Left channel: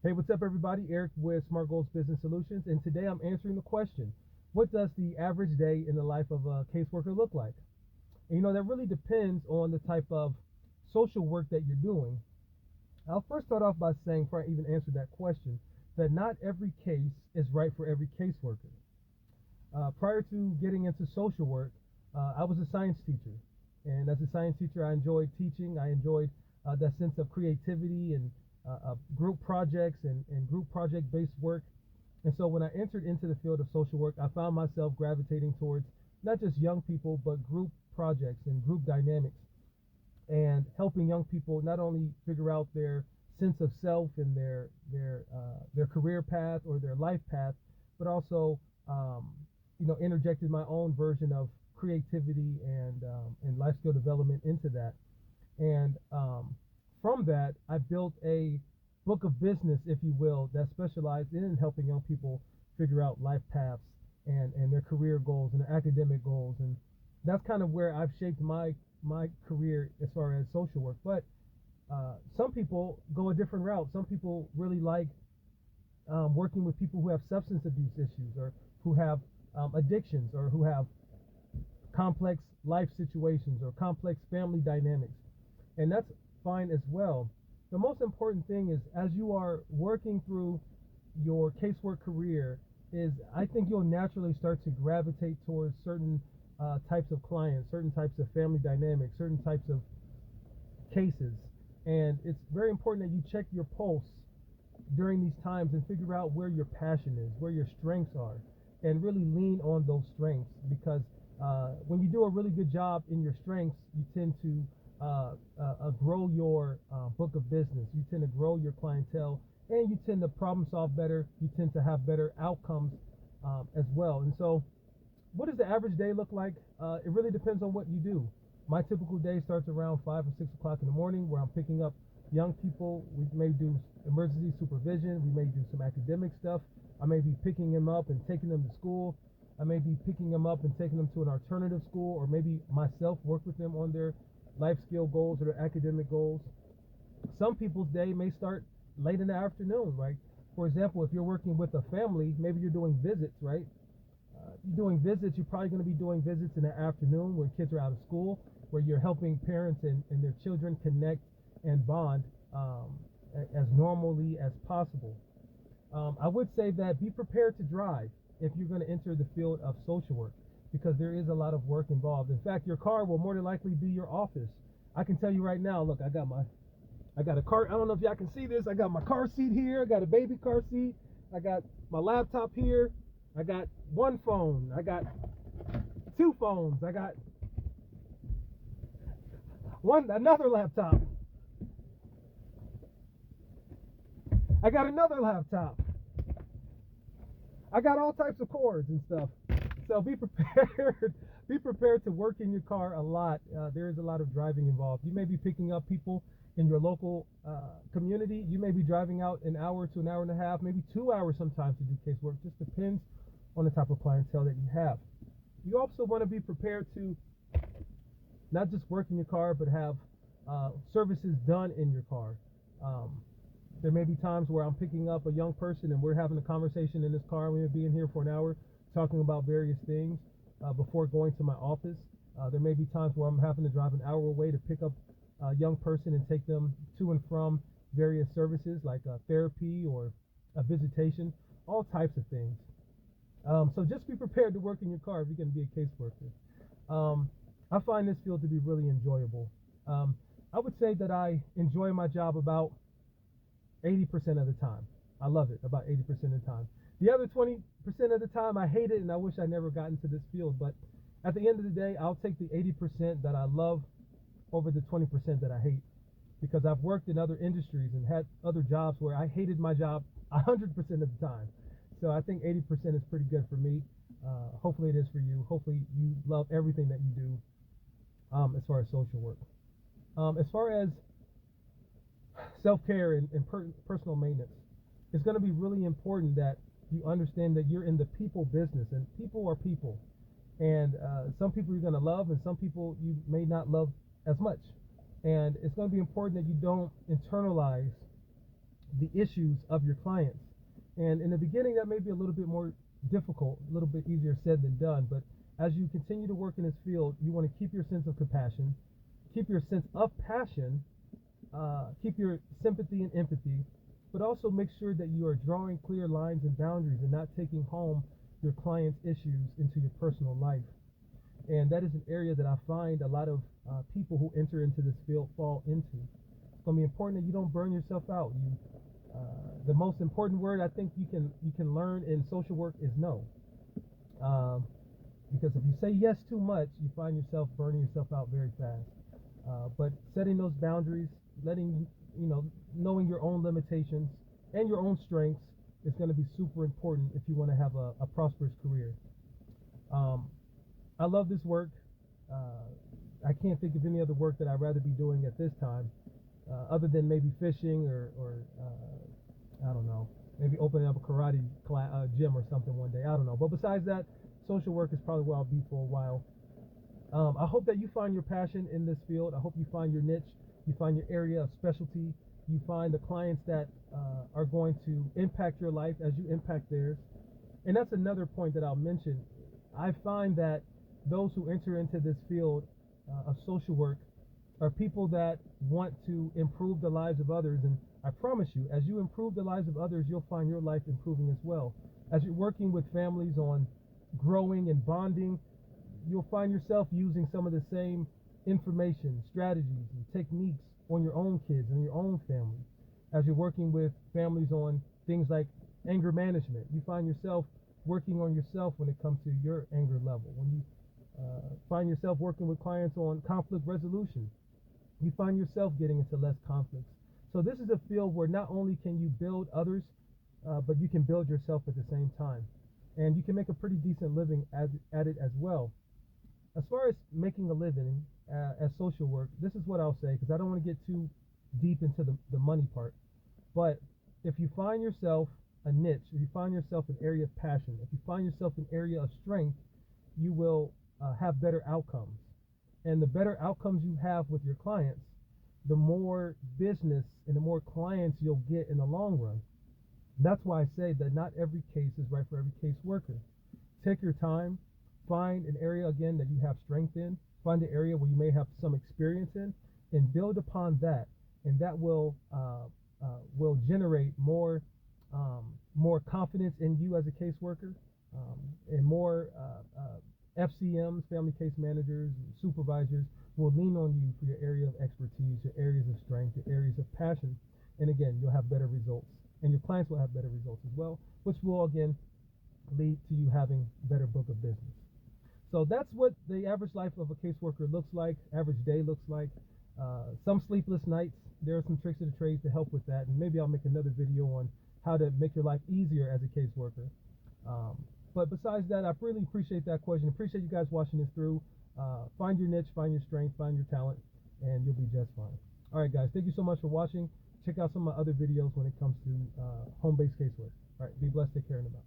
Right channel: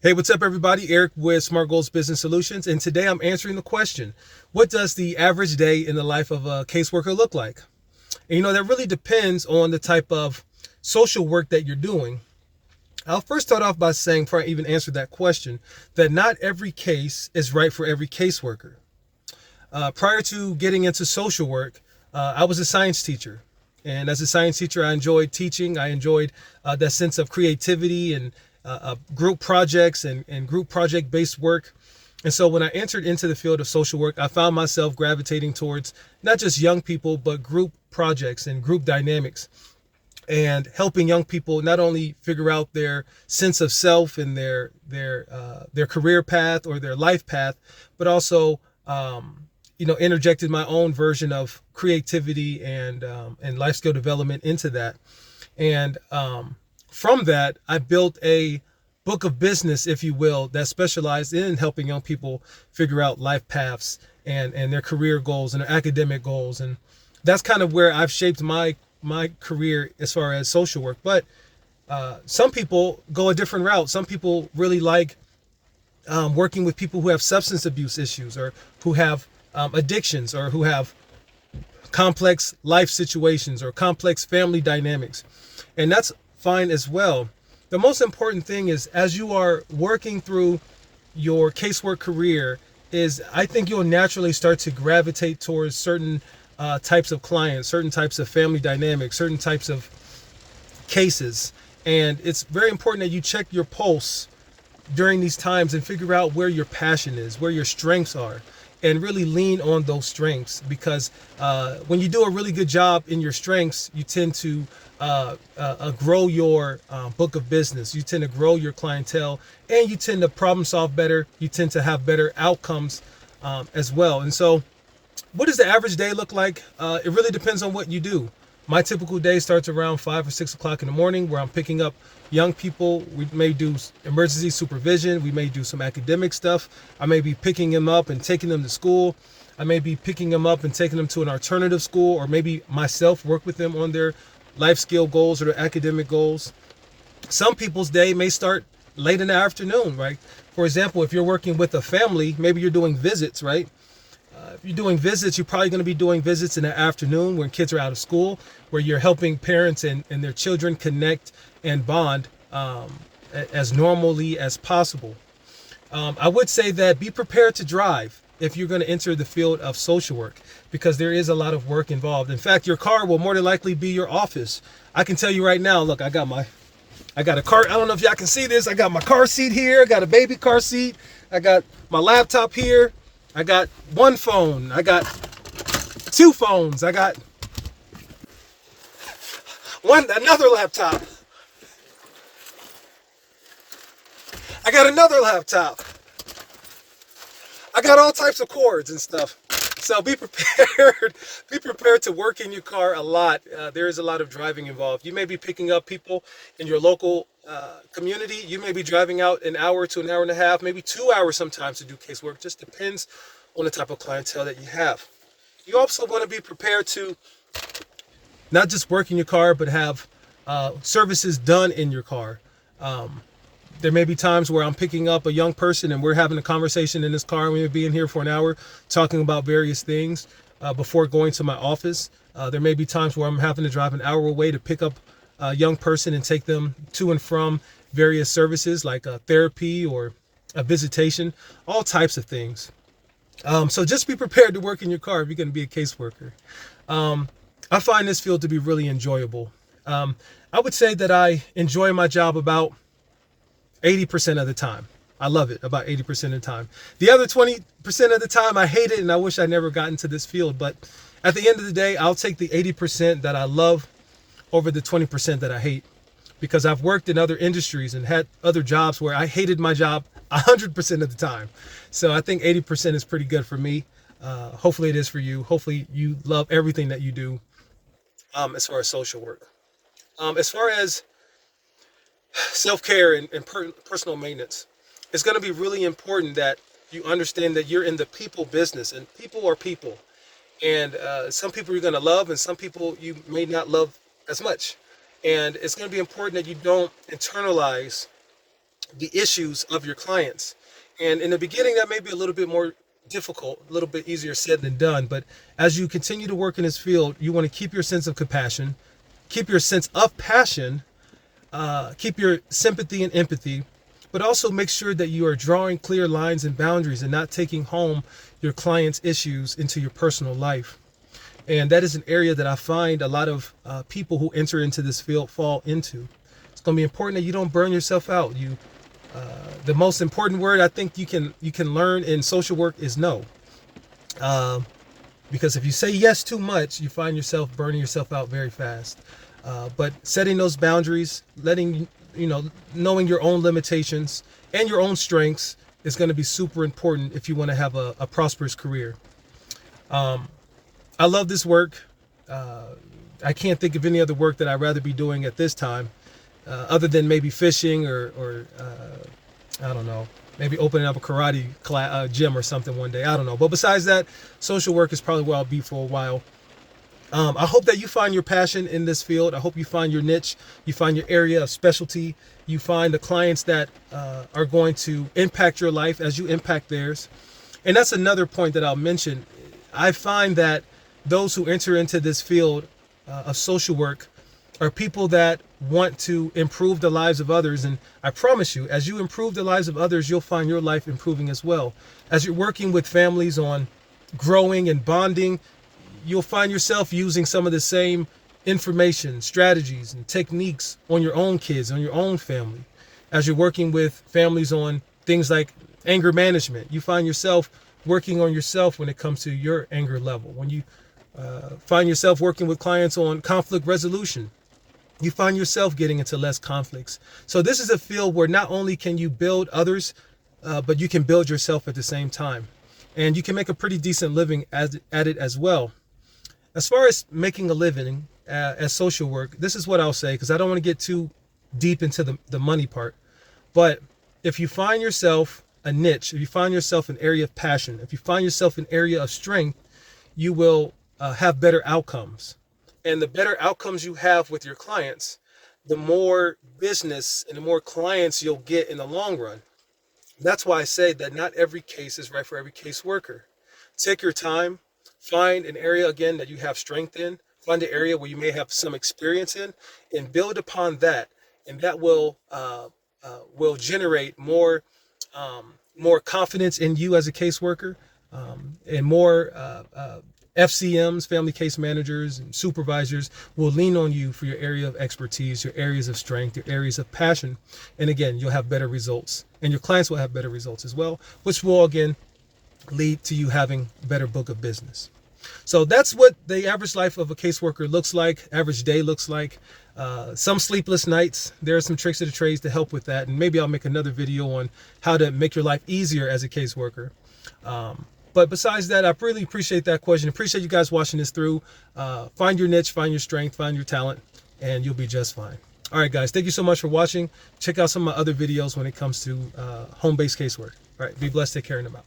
Hey, what's up, everybody? Eric with Smart Goals Business Solutions, and today I'm answering the question: what does the average day in the life of a caseworker look like? And that really depends on the type of social work that you're doing. I'll first start off by saying, before I even answer that question, that not every case is right for every caseworker. Prior to getting into social work, I was a science teacher. And as a science teacher, I enjoyed teaching. I enjoyed that sense of creativity and group projects and group project based work. And so when I entered into the field of social work, I found myself gravitating towards not just young people, but group projects and group dynamics, and helping young people not only figure out their sense of self and their career path or their life path, but also interjected my own version of creativity and life skill development into that. And from that, I built a book of business, if you will, that specialized in helping young people figure out life paths and their career goals and their academic goals. And that's kind of where I've shaped my career as far as social work. But some people go a different route. Some people really like working with people who have substance abuse issues, or who have addictions, or who have complex life situations or complex family dynamics. And that's fine as well. The most important thing is, as you are working through your casework career, is I think you'll naturally start to gravitate towards certain types of clients, certain types of family dynamics, certain types of cases. And it's very important that you check your pulse during these times and figure out where your passion is, where your strengths are, and really lean on those strengths. Because when you do a really good job in your strengths, you tend to grow your book of business. You tend to grow your clientele, and you tend to problem solve better. You tend to have better outcomes as well. And so, what does the average day look like? It really depends on what you do. My typical day starts around 5 or 6 o'clock in the morning, where I'm picking up young people. We may do emergency supervision. We may do some academic stuff. I may be picking them up and taking them to school. I may be picking them up and taking them to an alternative school, or maybe myself work with them on their life skill goals or their academic goals. Some people's day may start late in the afternoon, right? For example, if you're working with a family, maybe you're doing visits, right? If you're doing visits, you're probably going to be doing visits in the afternoon when kids are out of school, where you're helping parents and their children connect and bond as normally as possible. I would say that be prepared to drive if you're going to enter the field of social work, because there is a lot of work involved. In fact, your car will more than likely be your office. I can tell you right now, look, I got a car. I don't know if y'all can see this. I got my car seat here. I got a baby car seat. I got my laptop here. I got one phone. I got two phones. I got another laptop. I got another laptop. I got all types of cords and stuff. So be prepared. Be prepared to work in your car a lot. There is a lot of driving involved. You may be picking up people in your local community. You may be driving out an hour to an hour and a half, maybe 2 hours sometimes to do casework. Just depends on the type of clientele that you have. You also want to be prepared to not just work in your car, but have services done in your car. There may be times where I'm picking up a young person and we're having a conversation in this car, and we may be in here for an hour talking about various things before going to my office. There may be times where I'm having to drive an hour away to pick up a young person and take them to and from various services like therapy or a visitation, all types of things. So just be prepared to work in your car if you're going to be a caseworker. I find this field to be really enjoyable. I would say that I enjoy my job about 80% of the time. I love it about 80% of the time. The other 20% of the time, I hate it and I wish I never got into this field. But at the end of the day, I'll take the 80% that I love over the 20% that I hate, because I've worked in other industries and had other jobs where I hated my job 100% of the time. So I think 80% is pretty good for me. Hopefully it is for you. Hopefully you love everything that you do as far as social work. As far as self-care and personal maintenance, it's going to be really important that you understand that you're in the people business, and people are people. And some people you're going to love, and some people you may not love as much. And it's going to be important that you don't internalize the issues of your clients. And in the beginning, that may be a little bit more difficult, a little bit easier said than done. But as you continue to work in this field, you want to keep your sense of compassion, keep your sense of passion, keep your sympathy and empathy, but also make sure that you are drawing clear lines and boundaries and not taking home your clients' issues into your personal life. And that is an area that I find a lot of people who enter into this field fall into. It's going to be important that you don't burn yourself out. The most important word I think you can learn in social work is no. Because if you say yes too much, you find yourself burning yourself out very fast. But setting those boundaries, knowing your own limitations and your own strengths is going to be super important if you want to have a prosperous career. I love this work. I can't think of any other work that I'd rather be doing at this time, other than maybe fishing or I don't know, maybe opening up a karate gym or something one day. I don't know. But besides that, social work is probably where I'll be for a while. I hope that you find your passion in this field. I hope you find your niche, you find your area of specialty, you find the clients that are going to impact your life as you impact theirs. And that's another point that I'll mention. I find that those who enter into this field of social work are people that want to improve the lives of others. And I promise you, as you improve the lives of others, you'll find your life improving as well. As you're working with families on growing and bonding, you'll find yourself using some of the same information, strategies, and techniques on your own kids, on your own family. As you're working with families on things like anger management, you find yourself working on yourself when it comes to your anger level. When you find yourself working with clients on conflict resolution, you find yourself getting into less conflicts. So this is a field where not only can you build others, but you can build yourself at the same time. And you can make a pretty decent living at it as well. As far as making a living as social work, this is what I'll say, because I don't want to get too deep into the money part. But if you find yourself a niche, if you find yourself an area of passion, if you find yourself an area of strength, you will have better outcomes. And the better outcomes you have with your clients, the more business and the more clients you'll get in the long run. That's why I say that not every case is right for every caseworker. Take your time, find an area again that you have strength in, find an area where you may have some experience in, and build upon that. And that will generate more confidence in you as a caseworker, and more FCMs, family case managers, and supervisors will lean on you for your area of expertise, your areas of strength, your areas of passion. And again, you'll have better results, and your clients will have better results as well, which will again lead to you having a better book of business. So that's what the average life of a caseworker looks like, average day looks like. Some sleepless nights. There are some tricks of the trades to help with that. And maybe I'll make another video on how to make your life easier as a caseworker. But besides that, I really appreciate that question. Appreciate you guys watching this through. Find your niche, find your strength, find your talent, and you'll be just fine. All right, guys, thank you so much for watching. Check out some of my other videos when it comes to home-based casework. All right, be blessed, take care, and I'm out.